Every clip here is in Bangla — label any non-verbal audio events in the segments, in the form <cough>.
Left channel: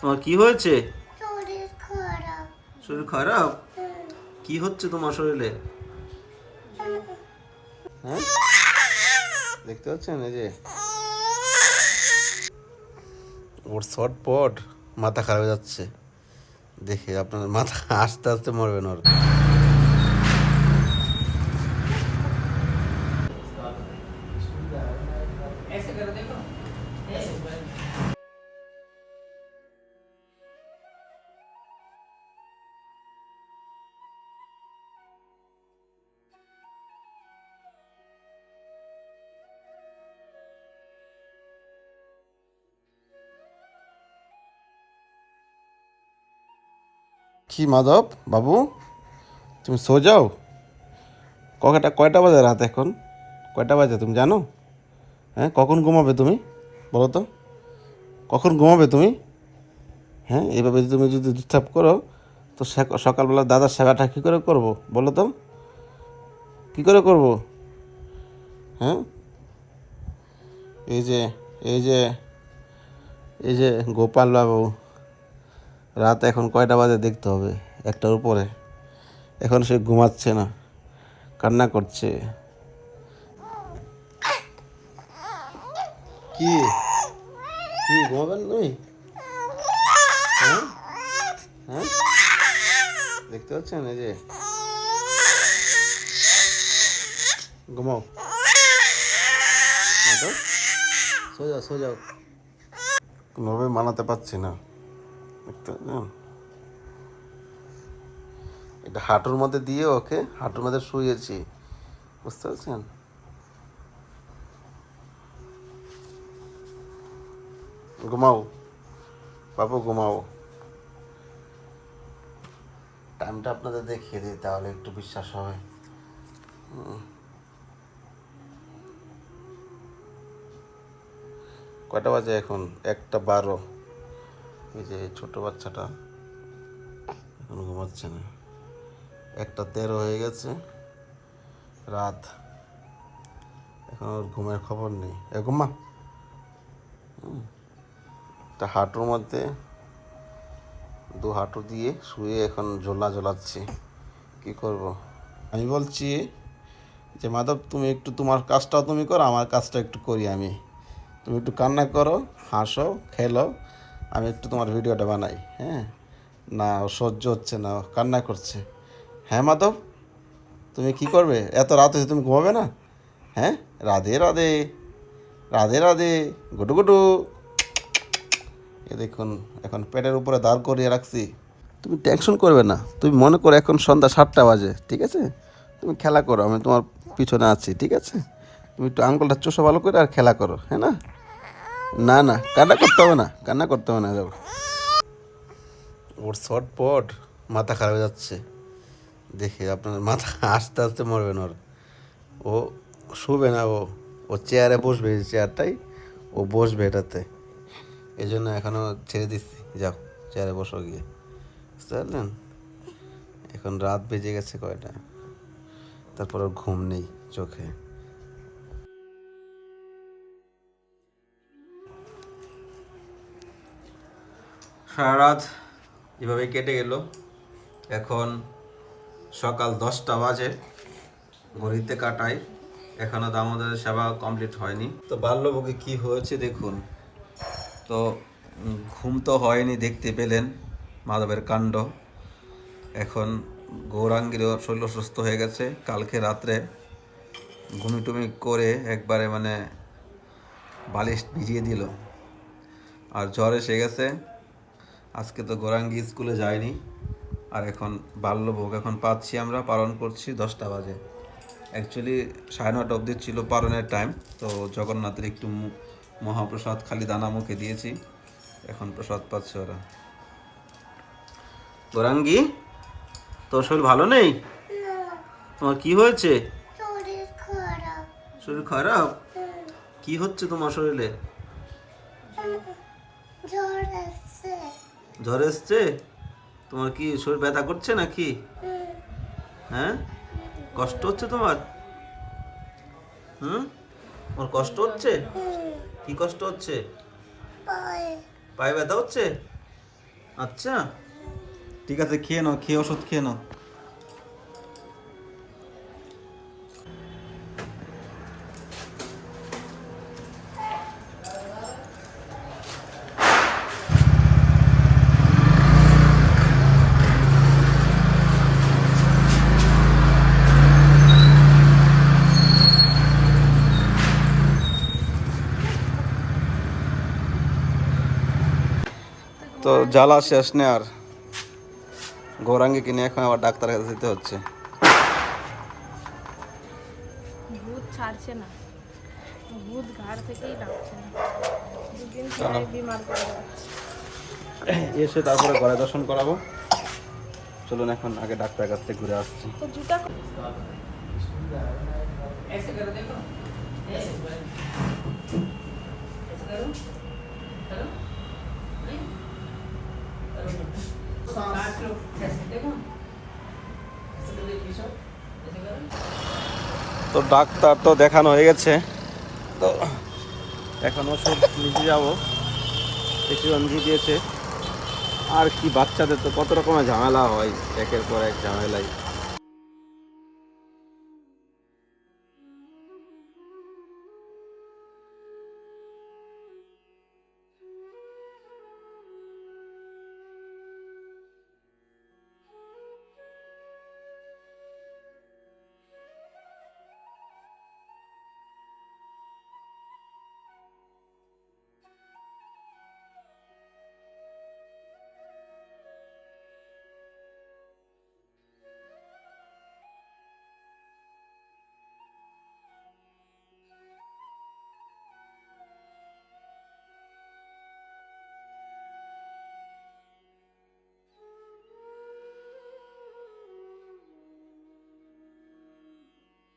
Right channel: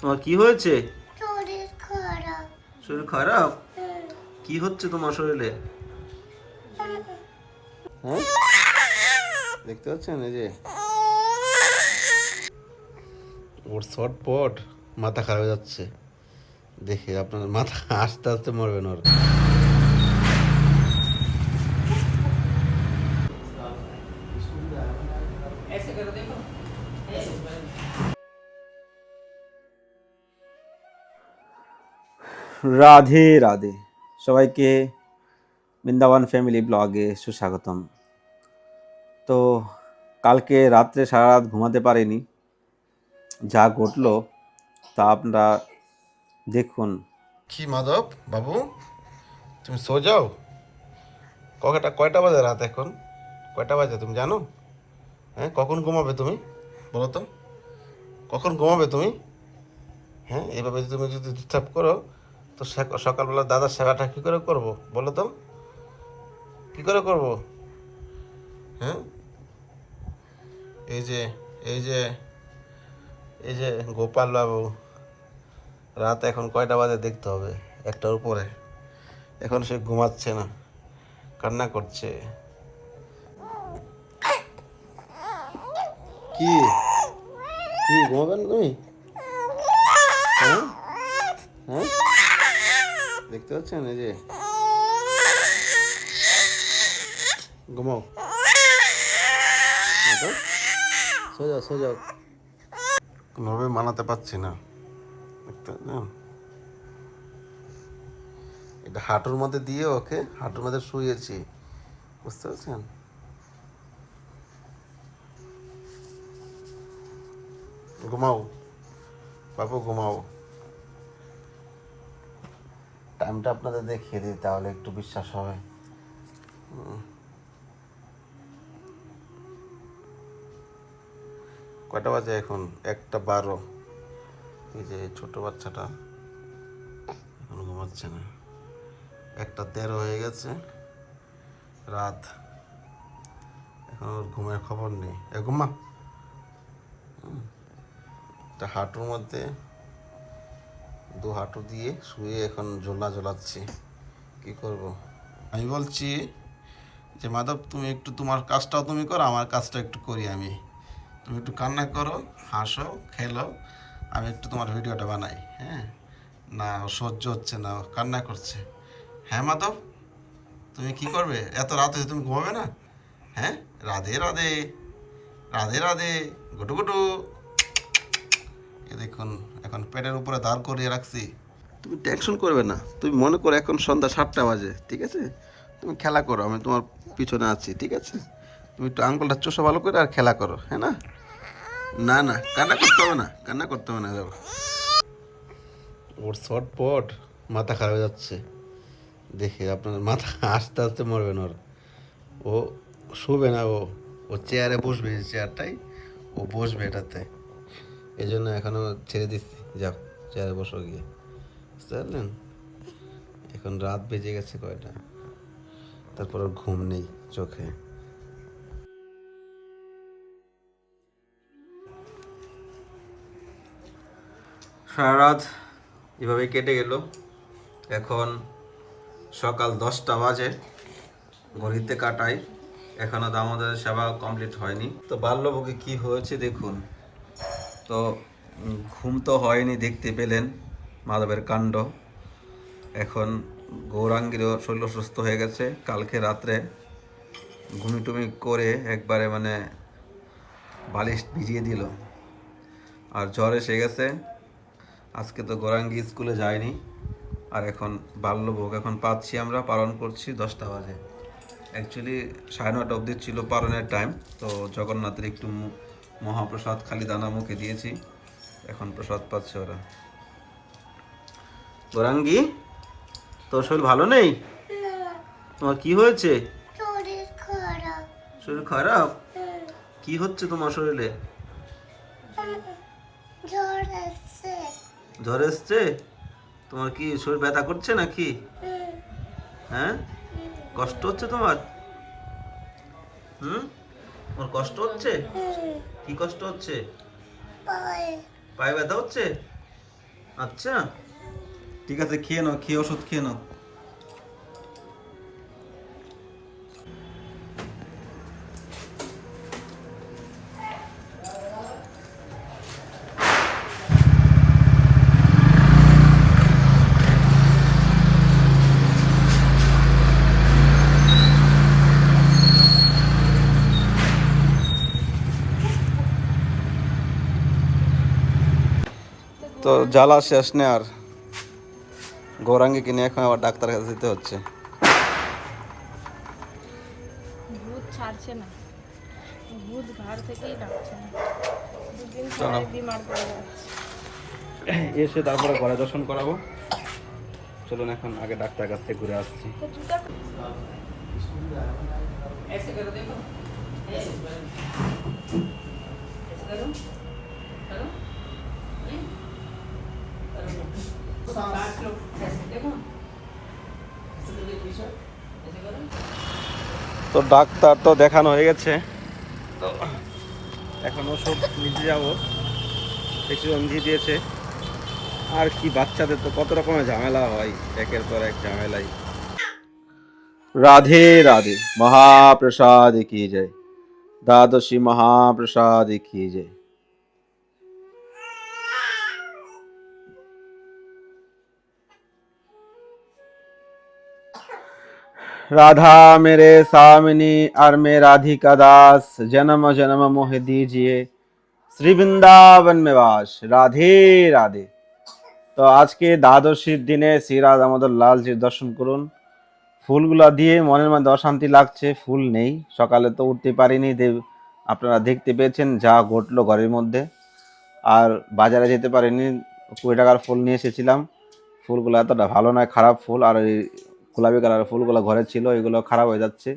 তোমার কি হয়েছে? শরীর খারাপ। শরীর কি হচ্ছে তোমার শরীরে? হ্যাঁ? দেখতে পাচ্ছেন এই যে? ওর শর্টপট মাথা খারাপ হয়ে যাচ্ছে। দেখে আপনার মাথা আস্তে আস্তে মরবেন ওর। রাধে রাধে। সবাইকে বৃন্দাবন ফ্যামিলি ব্লগে সুস্বাগতম। তো কালকে রাত্রে সারা রাত ঘুমাতে পারিনি। যা ঘটলো তা আপনারা দেখুন। কি মাধব, বাবু? তুমি সো যাও? কয়টা কয়টা বাজে রাত এখন? কয়টা বাজে তুমি জানো? হ্যাঁ কখন ঘুমাবে তুমি? বলো তো। কখন ঘুমাবে তুমি? হ্যাঁ এইভাবে তুমি যদি ডিস্টার্ব করো তো সকালবেলা দাদার সেবাটা কী করে করব বলো তো? কী করে করব? হ্যাঁ? এই যে এই যে এই যে গোপাল বাবু রাত এখন কয়টা বাজে দেখতে হবে, একটার উপরে। এখন সে ঘুমাচ্ছে না, কান্না করছে। কি? কি, ঘুমাবেন তুমি? হ্যাঁ? হ্যাঁ? দেখতে পাচ্ছেন? এই যে। ঘুমাও। সোজাও সোজাও কোনোভাবে মানাতে পারছি না। দেখতে? এটা হাঁটুর মধ্যে দিয়ে ওকে হাঁটুর মধ্যে শুয়েছি বুঝতে পারছেন? ঘুমাও। বাবু ঘুমাও। টাইমটা আপনাদের দেখিয়ে দিই, তাহলে একটু বিশ্বাস হবে। কয়টা বাজে এখন? একটা বারো। এই যে ছোট বাচ্চাটা এখন ঘুমাচ্ছে না। একটা তেরো হয়ে গেছে, রাত। এখন ওর ঘুমের খবর নেই। এ, ঘুমা। তা হাঁটুর মধ্যে দু হাঁটু দিয়ে শুয়ে এখন ঝোলা ঝোলাচ্ছি। কি করব? আমি বলছি যে, মাধব, তুমি একটু তোমার কাজটাও তুমি করো, আমার কাজটা একটু করি আমি। তুমি একটু কান্না করো, হাসো, খেলো, আমি একটু তোমার ভিডিওটা বানাই হ্যাঁ? না, ও সহ্য হচ্ছে না কান্না করছে। হ্যাঁ মাধব, তুমি কি করবে? এত রাত হয়েছে তুমি ঘুমাবে না? হ্যাঁ রাধে রাধে রাধে রাধে গুটু গুটু এ দেখুন এখন পেটের উপরে দাঁড় করিয়ে রাখছি। তুমি টেনশন করবে না। তুমি মনে করো এখন সন্ধ্যা সাতটা বাজে ঠিক আছে? তুমি খেলা করো আমি তোমার পিছনে আছি ঠিক আছে? তুমি একটু আঙ্গুলটা চোষা ভালো করে আর খেলা করো হ্যাঁ না? না না কান্না করতে হবে না কান্না করতে হবে না গো। ওর শর্ট পট মাথা খারাপ হয়ে যাচ্ছে। দেখে আপনার মাথা আস্তে আস্তে মরবেন ওর। ও শুবে না ও ও চেয়ারে বসবে চেয়ারটাই ও বসবে এটাতে। এই জন্য এখনও ছেড়ে দিচ্ছি। যাও, চেয়ারে বসো গিয়ে। বুঝতে পারলেন? এখন রাত বেজে গেছে কয়টা? তারপর ঘুম নেই চোখে। সারা রাত এভাবে কেটে গেল। এখন সকাল দশটা বাজে, ঘড়িতে কাটাই এখনও দামোদরের সেবা কমপ্লিট হয়নি। তো বাল্যভোগে কি হয়েছে দেখুন। তো ঘুম তো হয়নি, দেখতে পেলেন মাধবের কাণ্ড। এখন গৌরাঙ্গীরও শরীর সুস্থ হয়ে গেছে। কালকে রাত্রে ঘুমি টুমি করে একবারে মানে বালিশ ভিজিয়ে দিল। আর জ্বর এসে গেছে। আজকে তো গৌরাঙ্গি স্কুলে যায়নি। আর এখন বাল্যভোগ এখন পাচ্ছি আমরা, পালন করছি দশটা বাজে। অ্যাকচুয়ালি সাড়ে নটা অবধি ছিল পালনের টাইম তো জগন্নাথের একটু মহাপ্রসাদ খালি দানা মুখে দিয়েছি। এখন প্রসাদ পাচ্ছে ওরা। গৌরাঙ্গি তোর শরীর ভালো নেই? তোমার কি হয়েছে? শরীর খারাপ। কি হচ্ছে তোমার শরীরে? জ্বর জ্বর এসছে? তোমার কি শরীর ব্যথা করছে নাকি। হ্যাঁ? কষ্ট হচ্ছে তোমার? হুম? তোমার কষ্ট হচ্ছে? কি কষ্ট হচ্ছে? পায়ে ব্যথা হচ্ছে? আচ্ছা। ঠিক আছে, খেয়ে নাও, খেয়ে ওষুধ খেয়ে নাও। তো জ্বালা শেষ নেই আর গৌরাঙ্গে কিনে এখন আবার ডাক্তার কাছে যেতে হচ্ছে। ভূত ছাড়ছে না। ভূত ঘাড় থেকেই ডাকছে না। দুদিন চলো। পরে বিমার করে যাচ্ছে। এসে তারপরে গলা দর্শন করাবো। চলুন এখন আগে ডাক্তার কাছ থেকে ঘুরে আসছি। তো ডাক্তার তো দেখানো হয়ে গেছে। তো এখন ওষুধ নিতে যাব। প্রেসক্রিপশন দিয়েছে। আর কি, বাচ্চাদের তো কত রকমের ঝামেলা হয়। একের পর এক ঝামেলাই। রাধে রাধে। মহাপ্রসাদ কি যায় দ্বাদশী মহাপ্রসাদ কি জয়? राधा मेरे सामिनी और मैं राधिका दास जन्म जन्म मोह दीजिए শ্রী বৃন্দাবন মেবাস রাধে রাধে তো আজকে দ্বাদশীর দিনে শ্রী রাধা আমাদের লালজির দর্শন করুন ফুলগুলা দিয়ে মনের মধ্যে অশান্তি লাগছে ফুল নেই সকালে তো উঠতে পারিনি দেব আপনারা দেখতে পেয়েছেন যা ঘটলো ঘরের মধ্যে আর বাজারে যেতে পারিনি কুড়ি টাকার ফুল নিয়ে এসেছিলাম ফুলগুলো এতটা ভালো নয় খারাপ ফুল আর ওই গোলাপি কালারের ফুলগুলো ঘরে ছিল, এগুলো খারাপ হয়ে যাচ্ছে।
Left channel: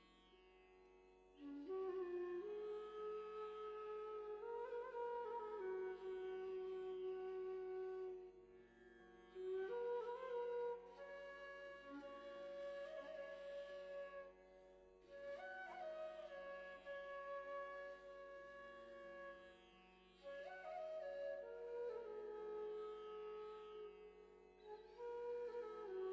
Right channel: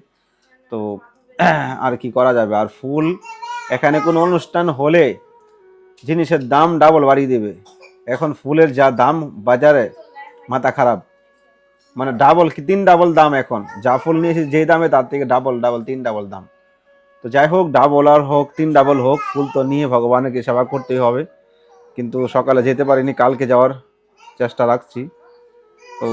তো <clears throat> আর কি করা যাবে? আর ফুল এখানে কোনো অনুষ্ঠান হলে জিনিসের দাম ডাবল বাড়িয়ে দেবে। এখন ফুলের যা দাম বাজারে মাথা খারাপ। মানে ডাবল কি, তিন ডাবল দাম এখন। যা ফুল নিয়েছি যেই দামে তার থেকে ডাবল ডাবল তিন ডাবল দাম। তো যাই হোক ডাবল আর হোক, তিন ডাবল হোক, ফুল তো নিয়ে ভগবানকে সেবা করতেই হবে। কিন্তু সকালে যেতে পারিনি, কালকে যাওয়ার চেষ্টা রাখছি। তো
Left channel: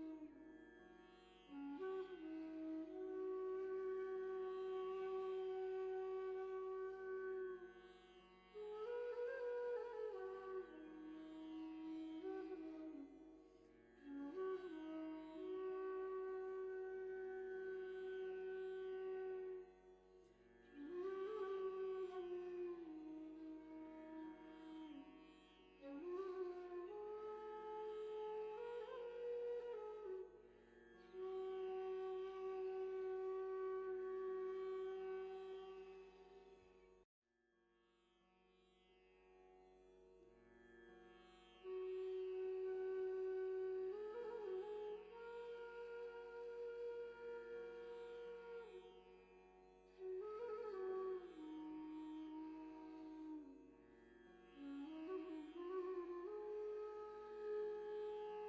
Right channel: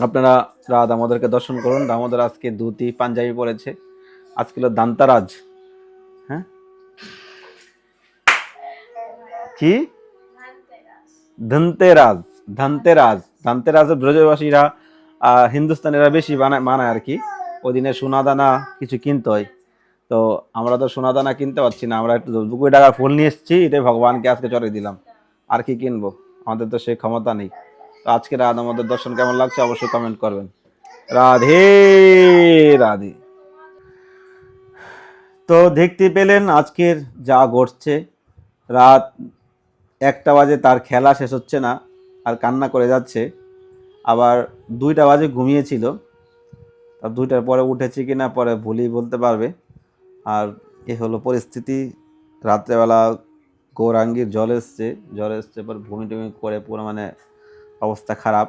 আপনারা রাত আমাদেরকে দর্শন করুন। দামোদর আজকে ধুতি, পাঞ্জাবি পরেছে। আজকে হলো দান্তারাজ। হ্যাঁ? কি? ধনতেরাজ। ধনতেরাজ। ধনতেরাজ ব্রজবাসীরা হিন্দুস্তানিরা বেশি বানায় মানায় আর কি। ওই দিনে সোনা দানা কিছু কিনতে হয়। তো আমরা তো সোনা দানা কিনতে পারছি না। আমরা একটু দু কোটি টাকার ফুল নিয়ে এসেছি। এটাই ভগবানকে আজকে চড়ে দিলাম। আর কি কিনবো? আমাদের তো সেই ক্ষমতা নেই। আজকে রাত আমাদের দর্শন কেমন লাগছে অবশ্যই কমেন্ট করবেন। রাধে রাধে। তো দেখতে পেলেন আজকের যা ঘটছে, রাত একটা বাজে তার খেলা শেষ হচ্ছে না, আর কান্না করে যাচ্ছে। আবার দুইটা বাজে ঘুমিয়েছিল। আর দুইটার পরে উঠেছে কিনা পরে ভুলই বলতে পারবে। আর এ হলো পরিস্থিতি। রাত্রেবেলা গৌরাঙ্গীর জল এসছে জল এসছে পর ভূমি টুমি করে পুরো মানে অবস্থা খারাপ।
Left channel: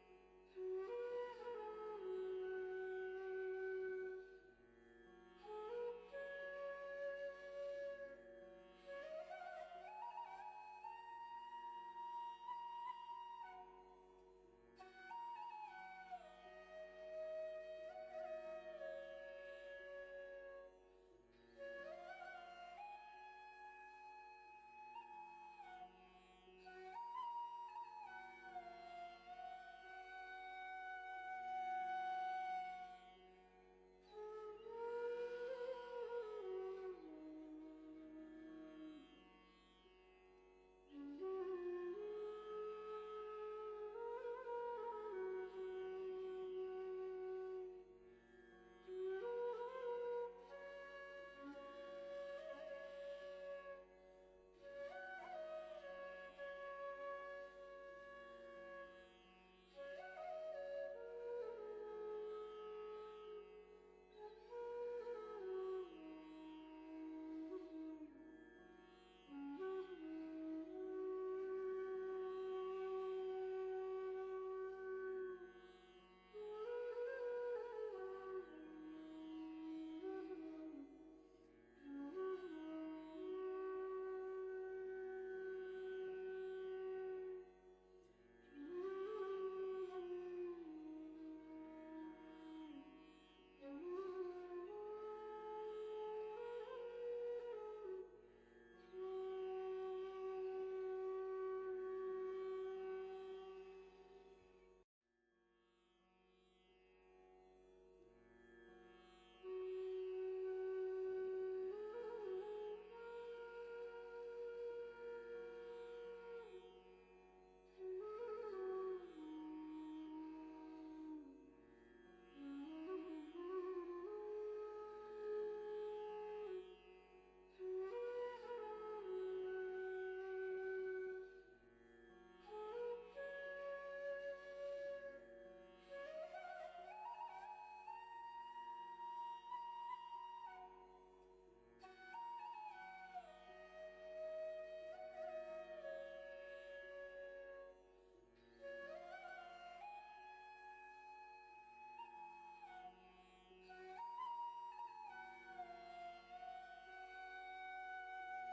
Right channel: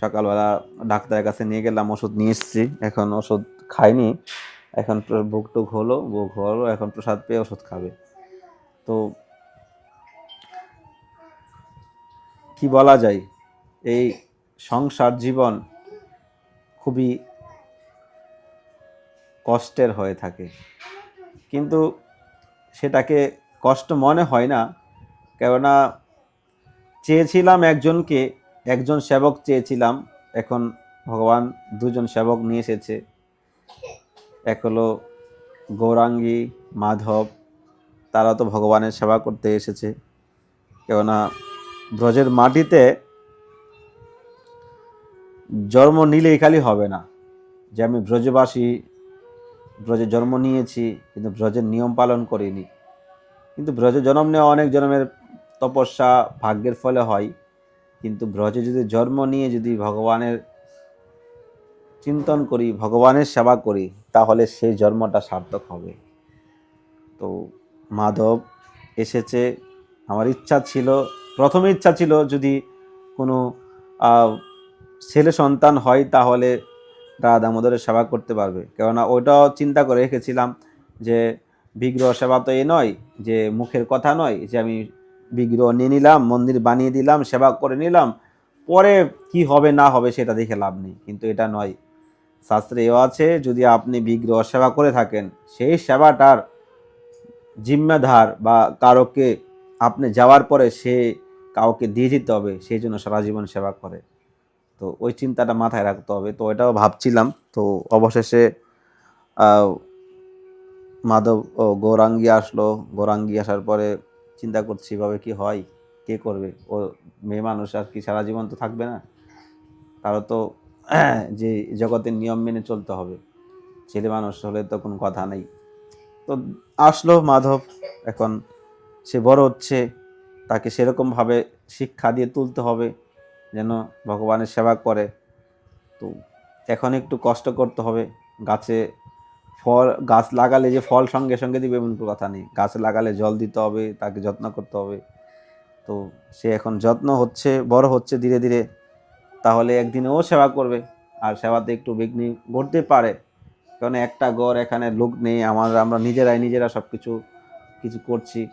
সকালবেলা ডাক্তারের কাছে নিয়ে গেলাম, ওষুধ নিয়ে এসেছি। এখন ওষুধ খাইনি। এখন বুক টুক হলো, বুক হলো, এখন প্রসাদ পেয়ে ওষুধ খাবে। তো কি বলা যায়? এই সংসার জীবন খুবই কষ্টের হয়ে থাকে। কিন্তু সেটাকে কষ্ট মনে হয় না। কেননা চেয়েছিলাম একজনকে একজন সেবক চেয়েছিলাম, এখন ভগবান দুজন সেবক নিয়ে এসেছে। এক হলো গৌরাঙ্গী, মাধব, তারা তো ভগবানের সেবা করতে এসেছে। কেননা ব্রজের মাটিতে জন্ম নিলেই খালি হবে না। যে আমি ব্রজবাসী, ব্রজে জন্ম নিয়েছি, কিন্তু ব্রজের নিয়ম পালন করিনি। কিন্তু ব্রজে জন্ম নেওয়া অনেক জন্মের তপস্যা ভাগ্যের ফলে হয়। কিন্তু ব্রজে যদি জন্ম নিয়ে যদি ভগবানের চিন্তন করি, ভগবানের সেবা করি, তাহলে সেই জন্মটা সার্থক হবে। তো মাধব এসেছে, আমার ইচ্ছা ছিল, প্রথম ইচ্ছা ছিল যদি কোনো ছেলে সন্তান হয়, তাহলে রাধা দামোদরের সেবা করতে পারবে। কেননা ওইটাও চিন্তা করে রেখেছিলাম যে, বিগ্রহ সেবা তো এ নয়, যে মুখের কথা নয়, যে আমি বিগ্রহ নিয়ে নিলাম, মন্দির বানিয়ে দিলাম, সেবা করে নিলাম। পরে কি হবে না হবে সেটা দেখে লাভ নেই। কিন্তু এটা নয়। শাস্ত্রে এও আছে, যদি আপনি বিগ্রহ সেবা করে থাকেন, সেই সেবাটার জিম্মাধার বা কারোকে আপনি যাওয়ার পরে সে কাউকে দিয়ে দিতে হবে, সেই জন্য সারা জীবন সেবা করে। তো ওই চিন্তাটা মাথায় রাখতে হবে। তো এটাও ভাবছিলাম। তো অবশেষে মাধব গৌরাঙ্গী আসলো। গৌরাঙ্গী আসার পরে চিন্তা করছি এভাবে কি হয়? কে করবে? ও মেয়ে মানুষ আর কি সারা জীবন তো থাকবে না। তারও তো <clears throat> যে জগতের নিয়ম মেনে চলতে হবে। ছেলে মানুষ হলে তো কোনো কথা নেই। তো আসলো মাধব। এখন সে বড় হচ্ছে। তাকে সেরকমভাবে শিক্ষা দিয়ে তুলতে হবে যেন ভগবানের সেবা করে। তো এখন একটু কষ্ট করতে হবে। গাছে ফল, গাছ লাগালে যে ফল সঙ্গে সঙ্গে দিবে এমন কথা নেই। গাছ লাগালে জল দিতে হবে, তাকে যত্ন করতে হবে। তো সে এখন যত্ন হচ্ছে, বড় হচ্ছে ধীরে ধীরে। তাহলে একদিন ও সেবা করবে। আর সেবাতে একটু বিঘ্নি ঘটতে পারে। কারণ একটা গড় এখানে লোক নেই, আমার, আমরা নিজেরাই নিজেরা সব কিছু কিছু করছি।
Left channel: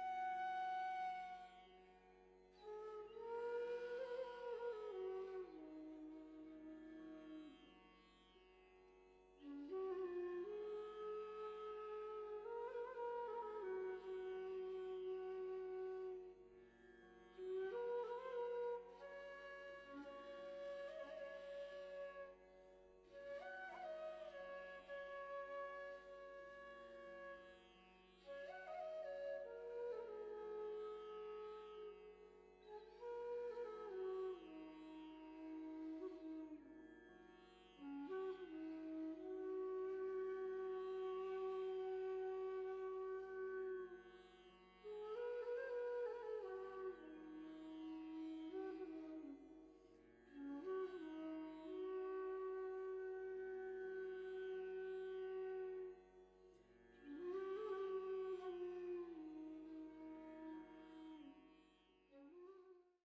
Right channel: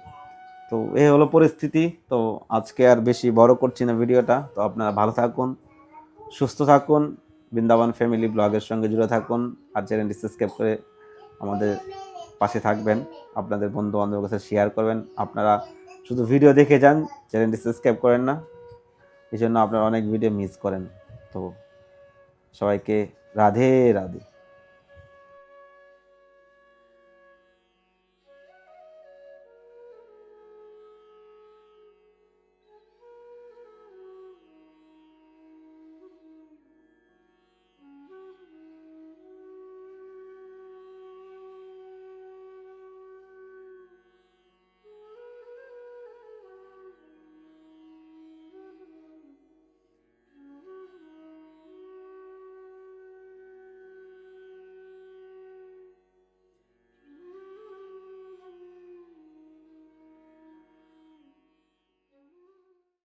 তো এই হলো পরিস্থিতি। তো আজকে আর বেশি বড় করছি না ভিডিওটা। তো আপনারা ভালো থাকুন, সুস্থ থাকুন, বৃন্দাবন ফ্যামিলি ব্লগের সঙ্গে জুড়ে থাকুন, আর চ্যানেলটি সাবস্ক্রাইব করে আমাদের পাশে থাকবেন, আপনাদের বন্ধু বান্ধবের কাছে শেয়ার করবেন। আপনারা শুধু ভিডিও দেখে যান চ্যানেলটি সাবস্ক্রাইব করেন না। এই জন্য আপনারা অনেক ভিডিও মিস করেন। তো সবাইকে রাধে রাধে।